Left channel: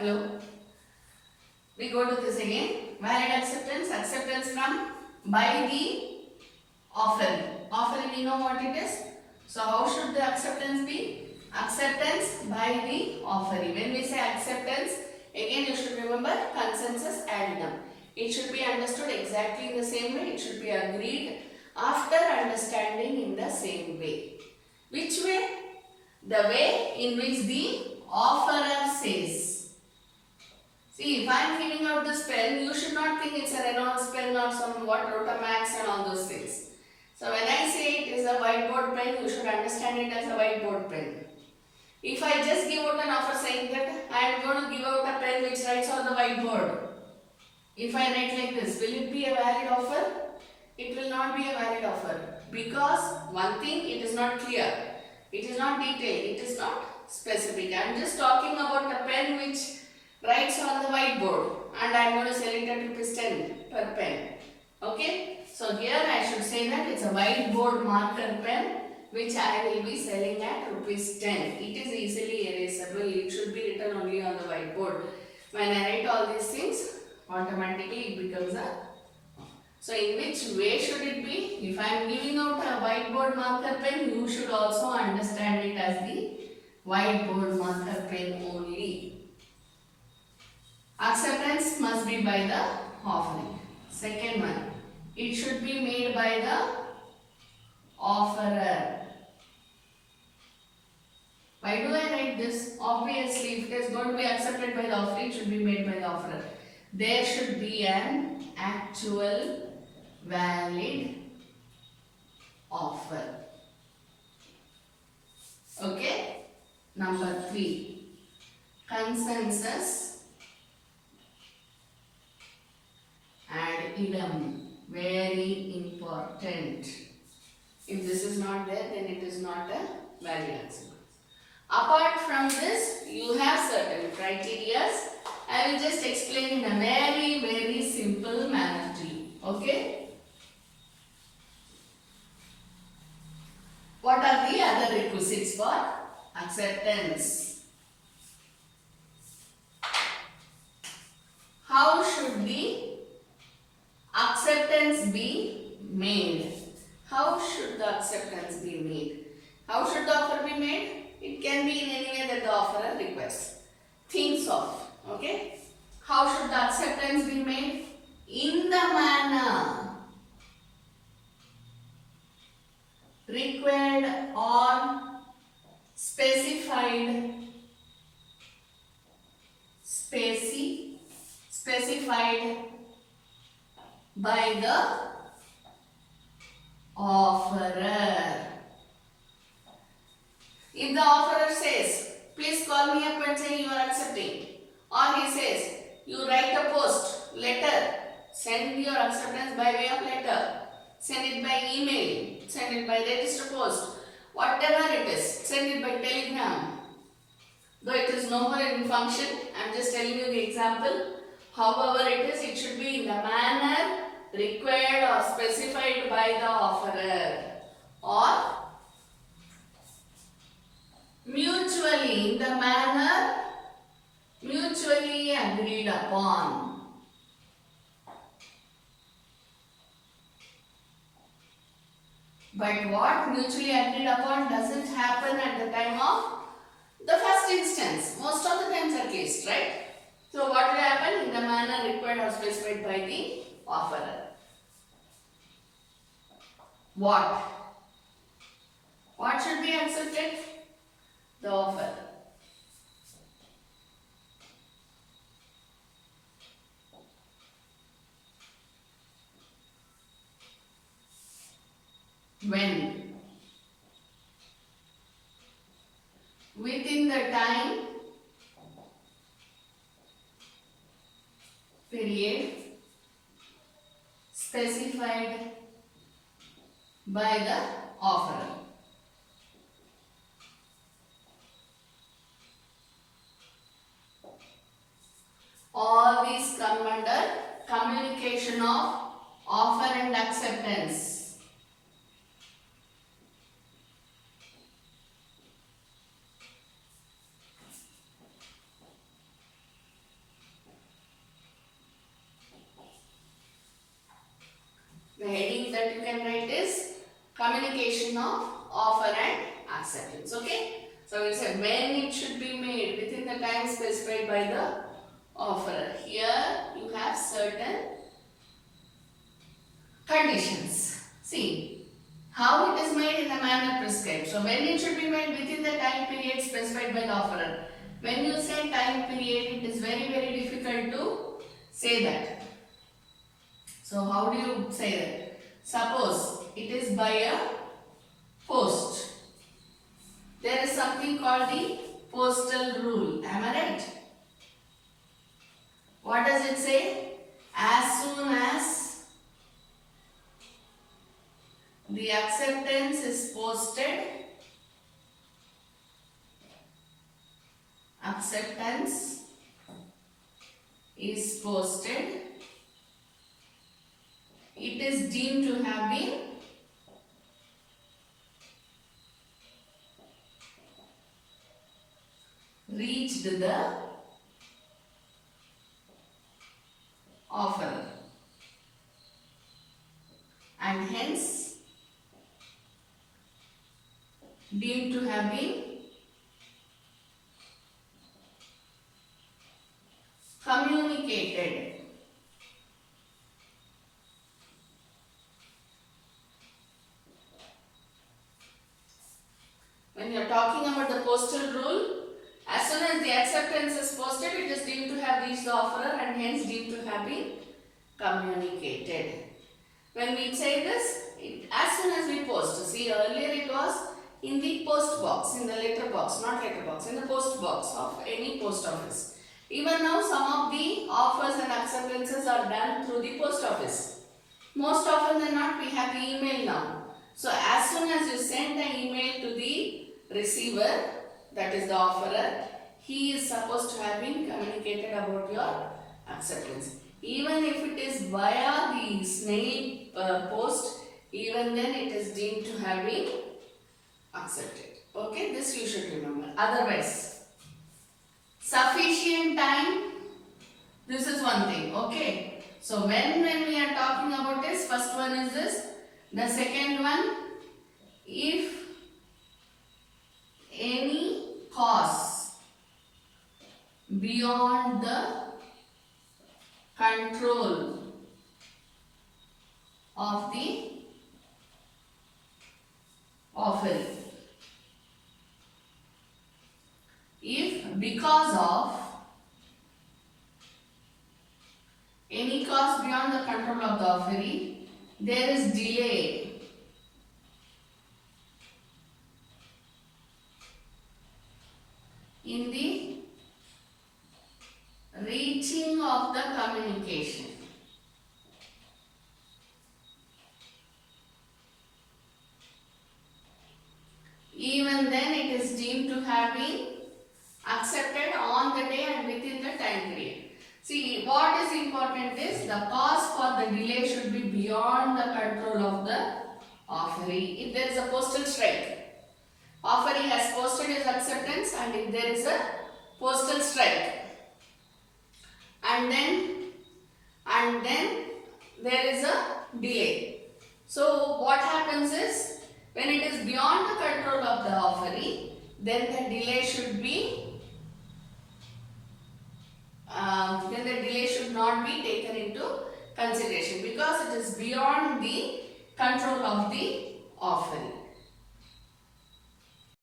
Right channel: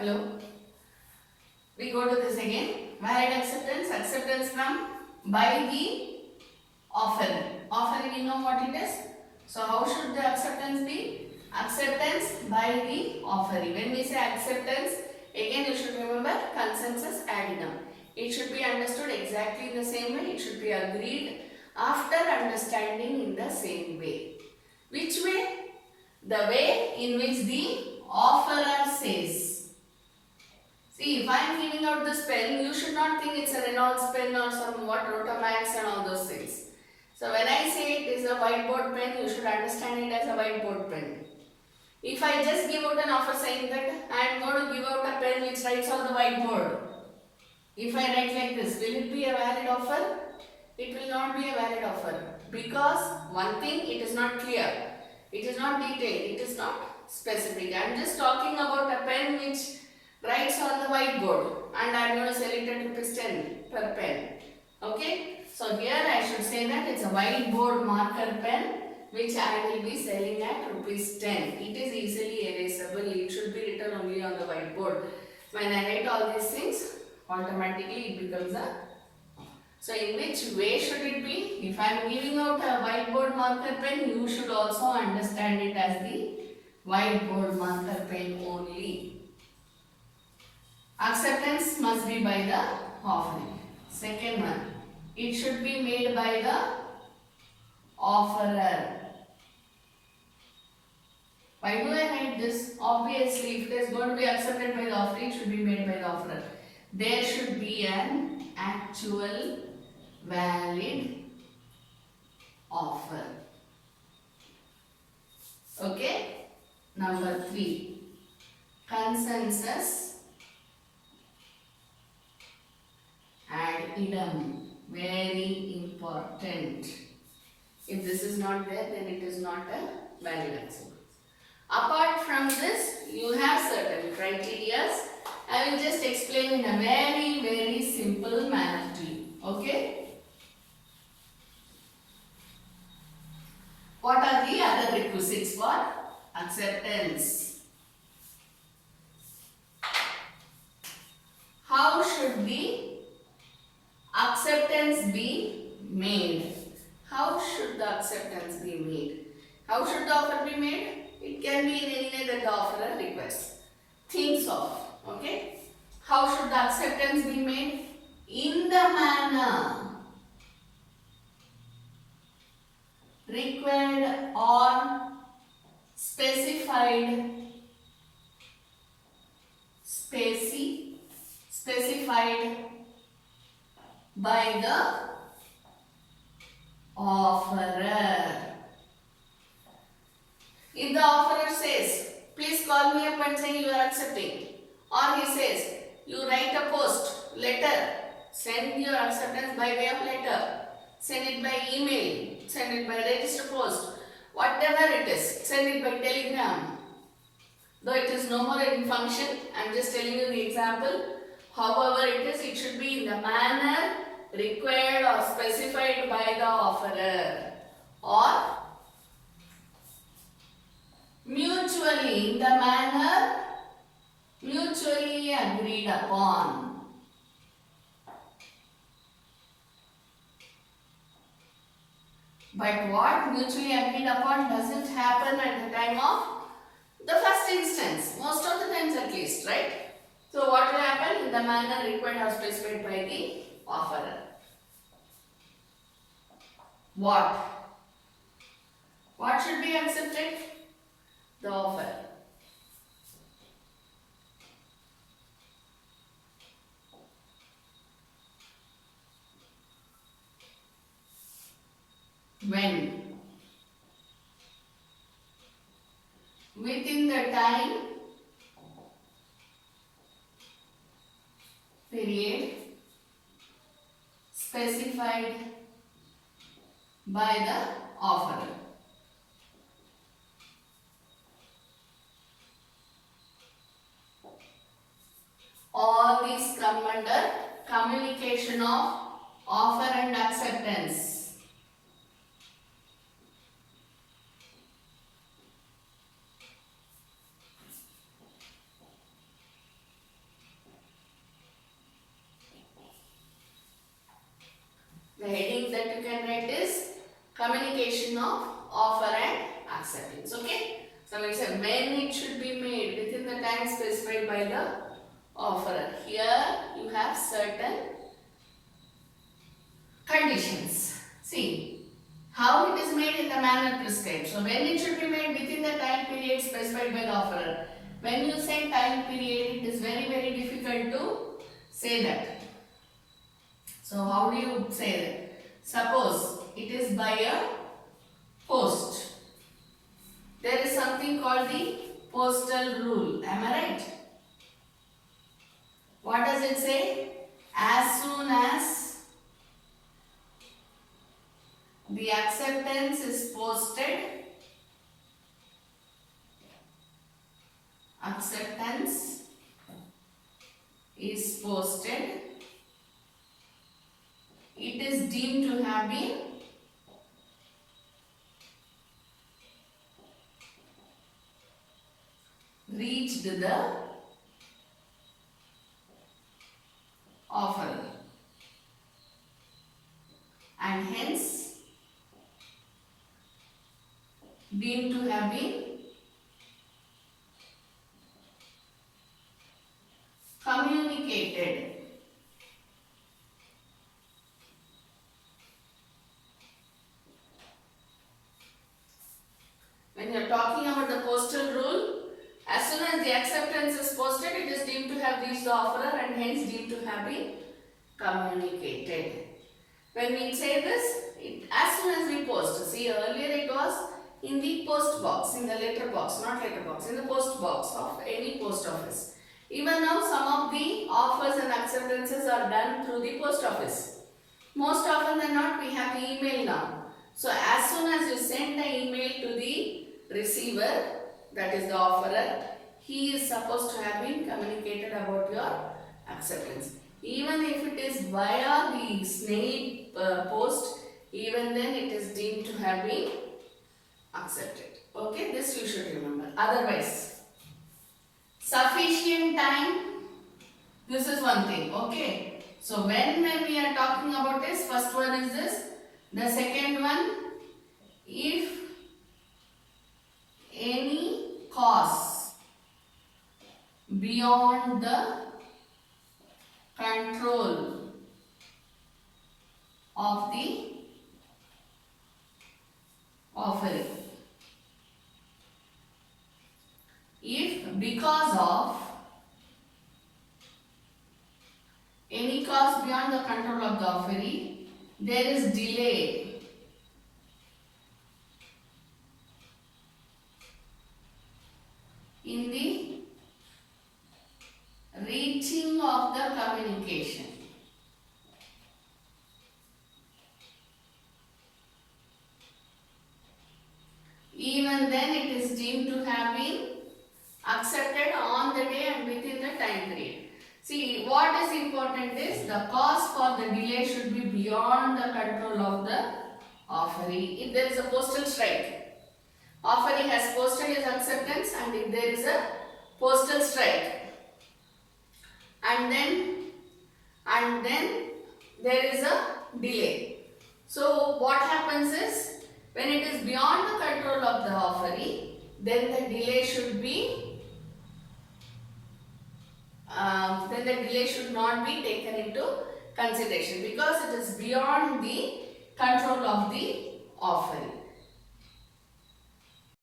Hello. We go to this again. Valid acceptance. Acceptance from by the offering. Offering, we know what it is. So how should the acceptance be? Acceptance by the offering. When we say acceptance, again you should remember consensus ad idem. It should be understood exactly the same way. It should be agreed after understanding in the same way. Which way? The way in which the offerer says. See, if I am giving out this pen, you should not think it's a Reynolds pen or some Rotamax and all those things. So when I say it is a whiteboard pen, you should understand it as a whiteboard pen. If I just give out an offer saying that I am going to give out a pen which writes on the whiteboard, if I write like this, will it be a valid offer? It will not be a valid offer because one thing, it is not clear, it is not detailed, it is not specific. I am just talking about a pen which writes on the whiteboard and I am going to sell it at ₹10 per pen. Okay? So here I should say that it's a whiteboard marker pen which I will be selling at ₹10. It is easily erasable. It should be written only on the whiteboard. When I write all these things, automatically it becomes a... So in which way should it be? If I am giving out a whiteboard marker pen, you should also understand it as the whiteboard marker pen only. Acceptance must be by the offering. Second one, it should be made by the offerer. Why do I write this? Obviously, if it is going to be accepted by the offerer, it should be made by the offerer. There should be an actual valid offer. Okay? Number 3. Consensus ad idem. Very important. If this is not there, then it is not a valid acceptance. Apart from this, you have certain criteria. I will just explain in a very simple manner to you. Okay? What are the other requisites for acceptance? How should the acceptance be made? How should the acceptance be made? How should the offer be made? It can be in any way that the offerer requests, thinks of. Okay? How should the acceptance be made? In the manner required or specified by the offerer. If the offerer says, please call me up and say you are accepting, or he says, you write a post, letter, send your acceptance by way of letter, send it by email, send it by register post, whatever it is, send it by telegram. Though it is no more in function, I am just telling you the example. However it is, it should be in the manner required or specified by the offerer, or mutually, in the manner mutually agreed upon. But what mutually agreed upon doesn't happen at the time of the first instance, most of the times at least, right? So what will happen? In the manner required or specified by the offerer. What should be accepted? The offer. When? Within the time period specified by the offerer. All these come under communication of offer and acceptance. communication of offer and acceptance. Okay. So we said when it should be made within the time specified by the offerer. Here you have certain conditions. See how it is made in the manner prescribed. So when it should be made within the time period specified by the offerer. When you say time period, it is very difficult to say that. So how do you say that? Suppose it is by a post. There is something called the postal rule. Am I right? What does it say? As soon as the acceptance is posted, it is deemed to have been reached the offerer and hence deemed to have been communicated. When you are talking about the postal rule, as soon as the acceptance is posted, it is deemed to have reached the offerer and hence deemed to have been communicated. When we say this, as soon as we post, see earlier it was in the post box, in the letter box, not letter box, in the post box of any post office. Even now some of the offers and acceptances are done through the post office. Most often than not, we have the email now. So as soon as you send the email to the receiver, that is the offerer, he is supposed to have been communicated about your acceptance. Even if it is via the snail post, even then it is deemed to have been accepted. Okay, this you should remember. Otherwise, sufficient time, this is one thing. Okay, so when we are talking about this, first one is this. The second one, if any cause beyond the control of the offering, if because of any cause beyond the control of the offeree, there is delay in the reaching of the communication, even then it is deemed to have been accepted on the day and within the time period. See, what is important is the cause for the delay should be beyond the control of the offeree. If there is a postal strike, offeree has posted his acceptance, and if there is a postal strike, and then there is a delay. So what happens is, when it is beyond the control of the offeree, then the delay should be not be taken into consideration because it is beyond the control of the offeree.